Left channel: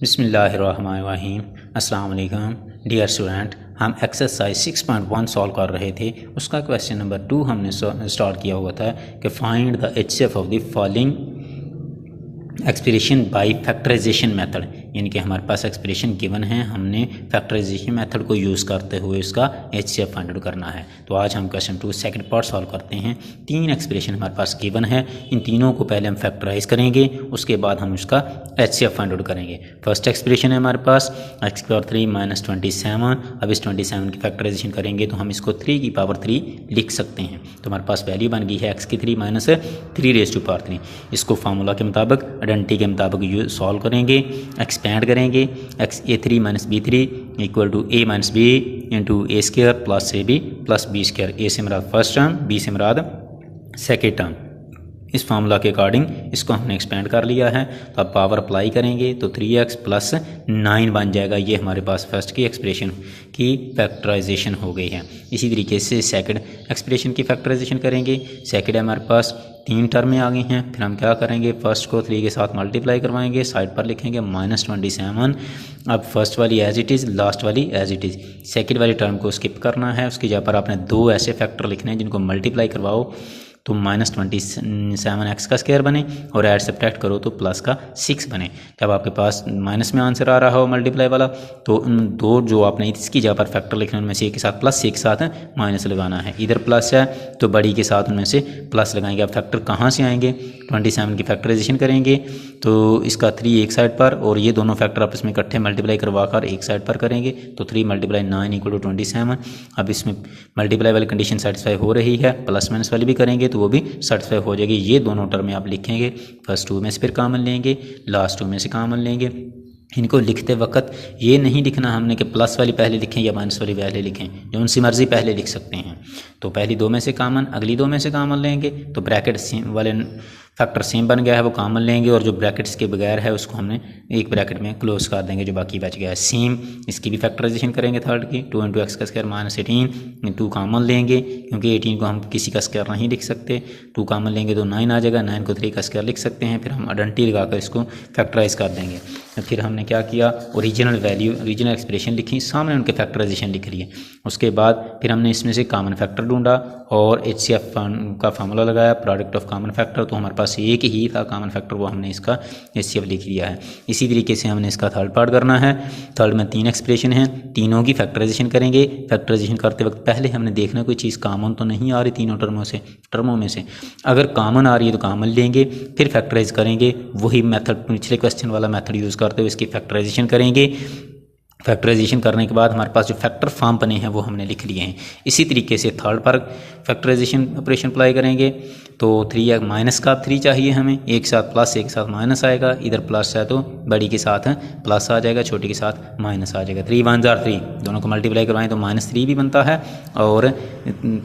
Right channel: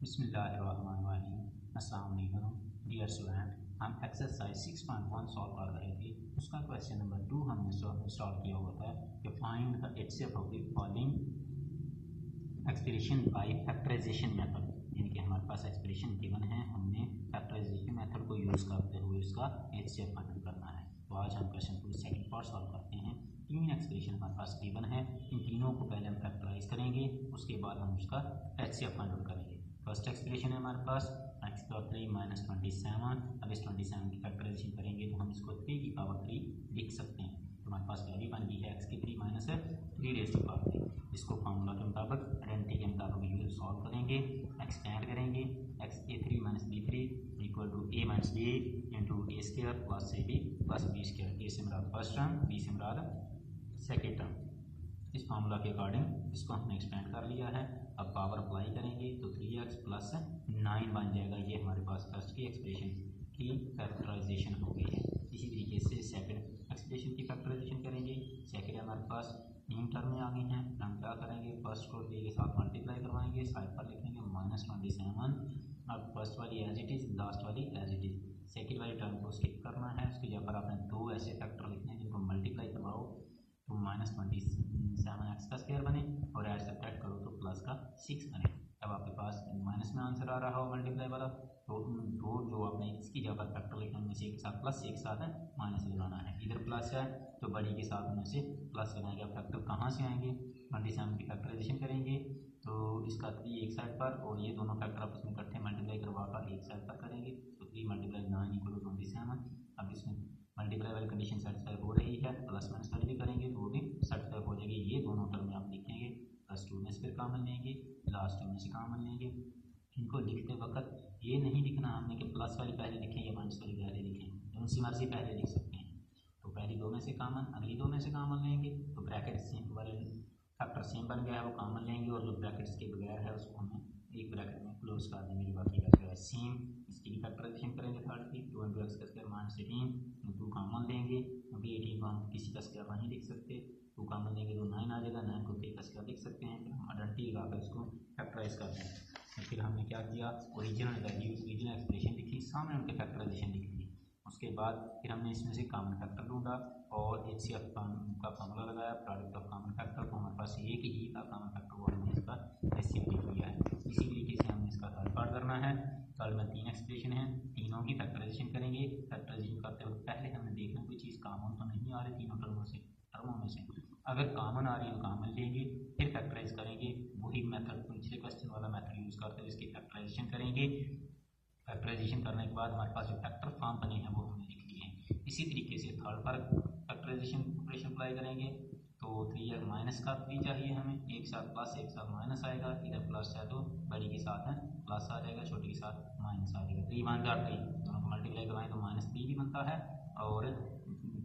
बिस्मिल्लाहिर्रहमानिर्रहीम। अस्सलाम वालेकुम डियर स्टूडेंट, हम एक्सरसाइज 6.1 सॉल्व कर रहे थे। उसका क्वेश्चन नंबर 2 हमने स्टार्ट किया हुआ था कि find the HCF of the following expression by factorisation method, यानी कि हमारे पास एक्सप्रेशन गिवन है, हमने फैक्टराइजेशन मेथड को यूज़ करते हुए इसका एचसीएफ फाइंड आउट करना है। तो आज हम क्वेश्चन 2 सेकंड पार्ट सॉल्व करते हैं। 3 एक्सप्रेशन हमारे पास गिवन है, इन तीनों को पहले हम फैक्टराइज करेंगे, उसके बाद हम उसका एचसीएफ फाइंड आउट करेंगे। फर्स्ट एक्सप्रेशन है हमारे पास x की पावर 3 माइनस 27। अब इस 27 की फैक्टराइजेशन करेंगे तो हम इसको 3 की पावर 3 लिख सकते हैं। तो हमारे पास वैल्यू बन गई है x की 3 माइनस 3 रेज़ टू पावर 3। इसको फार्मूला के मुताबिक, आइडेंटिटी के मुताबिक सॉल्व करेंगे, एक्सपेंड करेंगे। X a3 minus b3 equal to a minus B into A square plus A B plus B square. A से मुराद फर्स्ट टर्म, बी से मुराद सेकेंड टर्म। इस फार्मूला के अकॉर्डिंग इसको हमने एक्सपेंड कर लिया है। तो अब पावर अप्लाई करेंगे तो 3x प्लस 9 बन जाएगा। ये हमारे पास फर्स्ट की एक्सप्रेशन की फैक्टराइजेशन हो गई है। इसी तरीके से सेकंड एक्सप्रेशन की फैक्टराइजेशन करेंगे। सेकंड है हमारे पास 3 टर्में आ गई हैं। फिर हम क्या करेंगे, फर्स्ट को 3 के साथ मल्टीप्लाई करवाएंगे, साइड पर लिखेंगे माइनस 27। अब फर्स्ट वाली एज इट इज़, लास्ट वाली एज इट इज़। सेकंड वाली टर्म को स्किप करना है, उसकी जगह पर आपने 2 ऐसे फैक्टर लिखने हैं जिनको मल्टीप्लाई करवाओ तो माइनस 27x का स्क्वायर बने और ऐड सब्ट्रैक्ट करो तो प्लस का 6 बने। जब आपके पास माइनस में आंसर आ रहा हो मल्टीप्लाई वाला, तो उन 2 जो आपने इसकी जगह पर फैक्टर लिखना है उनमें से एक के साथ प्लस, एक के साथ माइनस लगाना है। इधर प्लस है तो बड़ी के साथ उनमें से प्लस लगाएंगे। अब फैक्टर कहाँ से आएंगे, 27 की फैक्टराइजेशन करेंगे तो इसका 3 एक साइड पर और ये दोनों फैक्टर आपस में इकट्ठे मल्टीप्लाई करवा कर एक साइड पर करेंगे तो 3 मल्टीप्लाई 9 इक्वल टू 27। अब इसमें मल्टीप्लाई वाली कंडीशन सेटिस्फाई हो रही है, प्लस माइनस वाली भी करेंगे तो वो भी सेटिस्फाई हो जाएगी। ये दोनों टर्में आप लिखेंगे, फर्स्ट 2 में से फिर कॉमन लेंगे, लास्ट 2 में से कॉमन लेंगे। इनको लिखते वक्त ये नहीं लिखना हमने कि प्लस वाली पहले लिखें या माइनस वाली पहले लिखें, जो उनकी मर्ज़ी पहले लिख सकते हैं। तो पहली 2 में से कॉमन, अगली 2 में से कॉमन लेंगे तो ब्रैकेट सेम वाले फैक्टर सेम बन गया है, वो कॉमन लेंगे और जो ब्रैकेट्स के बगैर है उसको हमने एक ब्रैकेट में क्लोज कर देंगे, जो बाकी बच गया है। सेम इसकी भी फैक्टराइजेशन करेंगे थर्ड की, 2 इंटू एक्स का स्क्वायर माइनस 18। 2 कॉमन लेंगे क्योंकि 18 को हम किसी का स्क्वायर नहीं लिख सकते। 2 कॉमन लेंगे तो 9 आ जाएगा, 9 को 3 का स्क्वायर लिख सकते हैं। फिर हम आइडेंटिटी लगाकर इसको फैक्टराइज कर देंगे। फिर हमने क्या किया, ओरिजिनल वैल्यू, ओरिजिनल एक्सप्रेशन लिखी, सामने उनके फैक्टराइजेशन लिख लिए। उसके बाद फिर हमने इसमें से कॉमन फैक्टर ढूंढा और एचसीएफ का फार्मूला लगाया, प्रोडक्ट ऑफ कॉमन फैक्टर। तो हमारे पास एक ही था कॉमन फैक्टर, वो हमने इसका एचसीएफ लिख लिया है। इसी तरीके से हमने इसका थर्ड पार्ट करना है। थर्ड में 3 एक्सप्रेशन हैं, तीनों की फैक्टराइजेशन करेंगे। फैक्टराइजेशन करते वक्त पहले हमने देखना कोई चीज़ कॉमन तो नहीं आ रही तीनों टर्मों में से। अगर कॉमन आ रही है तो कॉमन लेंगे, फिर फैक्टराइज करेंगे। वही मेथड, पिछले क्वेश्चन वाला मेथड यूज़ करते हुए इसकी फैक्टराइजेशन करेंगे। फैक्टराइजेशन करने के बाद हमारे पास जो फैक्टर फॉर्म बने हैं वो हमने लिख लिए हैं। इसी तरीके से थर्ड पर फैक्टराइजेशन ऑपरेशन अप्लाई करेंगे तो 3 माइनस का 3 चाहिए हमें, एक साथ प्लस एक साथ माइनस आएगा। इधर प्लस है तो बड़ी के साथ प्लस आ जाएगा, छोटी के साथ माइनस आ जाएगा। 3 1 जार 3, दोनों को मल्टीप्लाई करवाएं तो -3 भी बनता है और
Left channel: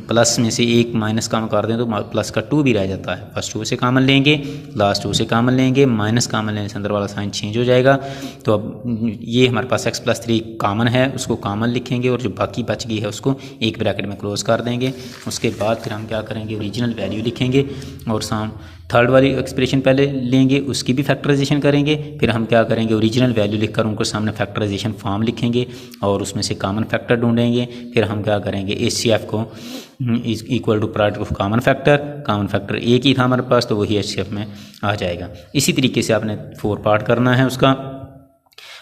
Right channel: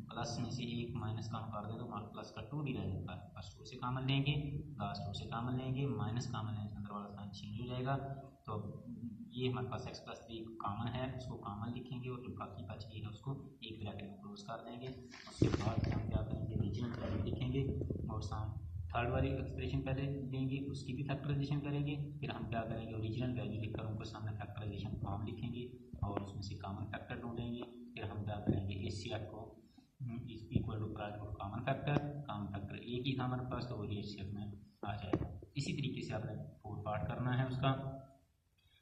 प्लस में से एक माइनस कम कर दें तो प्लस का 2 भी रह जाता है। फर्स्ट 2 से कॉमन लेंगे, लास्ट 2 से कॉमन लेंगे, माइनस कॉमन लेने से अंदर वाला साइन चेंज हो जाएगा। तो अब ये हमारे पास x + 3 कॉमन है, उसको कॉमन लिखेंगे और जो बाकी बच गई है उसको एक ब्रैकेट में क्लोज कर देंगे। उसके बाद फिर हम क्या करेंगे, ओरिजिनल वैल्यू लिखेंगे और थर्ड वाली एक्सप्रेशन पहले लेंगे, उसकी भी फैक्टराइजेशन करेंगे। फिर हम क्या करेंगे, ओरिजिनल वैल्यू लिखकर उनको सामने फैक्टराइजेशन फॉर्म लिखेंगे और उसमें से कॉमन फैक्टर ढूंढेंगे। फिर हम क्या करेंगे, एचसीएफ को equal to product of common factor एक ही था हमारे पास तो वही एचसीएफ में आ जाएगा। इसी तरीके से आपने 4 पार्ट करना है उसका।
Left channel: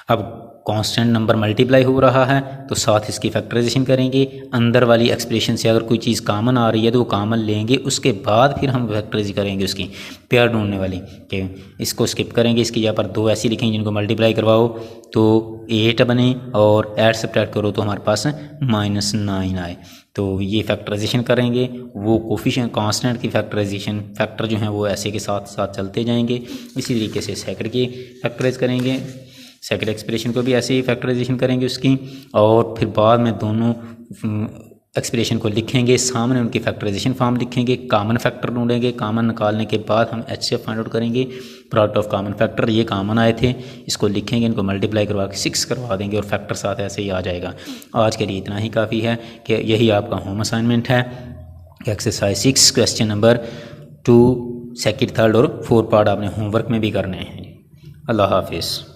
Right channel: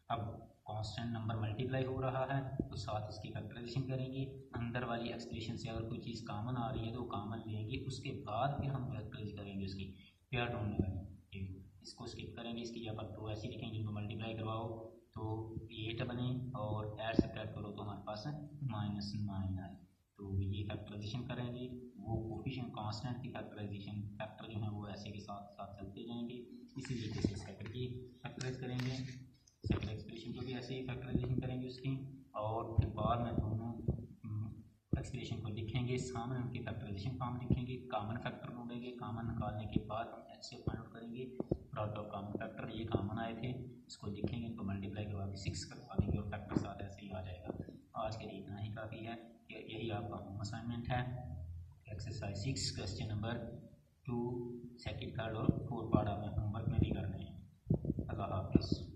अब कांस्टेंट नंबर मल्टीप्लाई हो रहा है तो साथ इसकी फैक्टराइजेशन करेंगे। अंदर वाली एक्सप्रेशन से अगर कोई चीज़ कॉमन आ रही है तो वो कॉमन लेंगे, उसके बाद फिर हम फैक्टराइज करेंगे उसकी पेयर ढूंढने वाली कि इसको स्किप करेंगे। इसकी जगह पर 2 ऐसी लिखेंगे जिनको मल्टीप्लाई करवाओ तो 8 बने और ऐड सब्ट्रैक्ट करो तो हमारे पास -9 आए। तो ये फैक्टराइजेशन करेंगे, वो कोफिशिएंट कांस्टेंट की फैक्टराइजेशन फैक्टर जो हैं वो ऐसे के साथ साथ चलते जाएंगे। इसी तरीके से सेकंड की फैक्टराइज करेंगे, सेकंड एक्सप्रेशन को भी ऐसे ही फैक्टराइजेशन करेंगे उसकी, और फिर बाद में दोनों एक्सप्रेशन को लिखेंगे, सामने उनकी फैक्टराइजेशन फॉर्म लिखेंगे, कॉमन फैक्टर ढूंढेंगे। कॉमन निकालने के बाद हम एचसीएफ फाइंड आउट करेंगे, प्रोडक्ट ऑफ कॉमन फैक्टर। ये कॉमन आए थे, इसको लिखेंगे, इनको मल्टीप्लाई करवा के 6 करवा देंगे और फैक्टर साथ ऐसे ही आ जाएगा। आज के लिए इतना ही काफ़ी है कि यही आपका होम असाइनमेंट है। Exercise 6 question number 2 second, third और 4 पार्ट आपने होमवर्क में भी करने हैं। अल्लाह हाफिज़।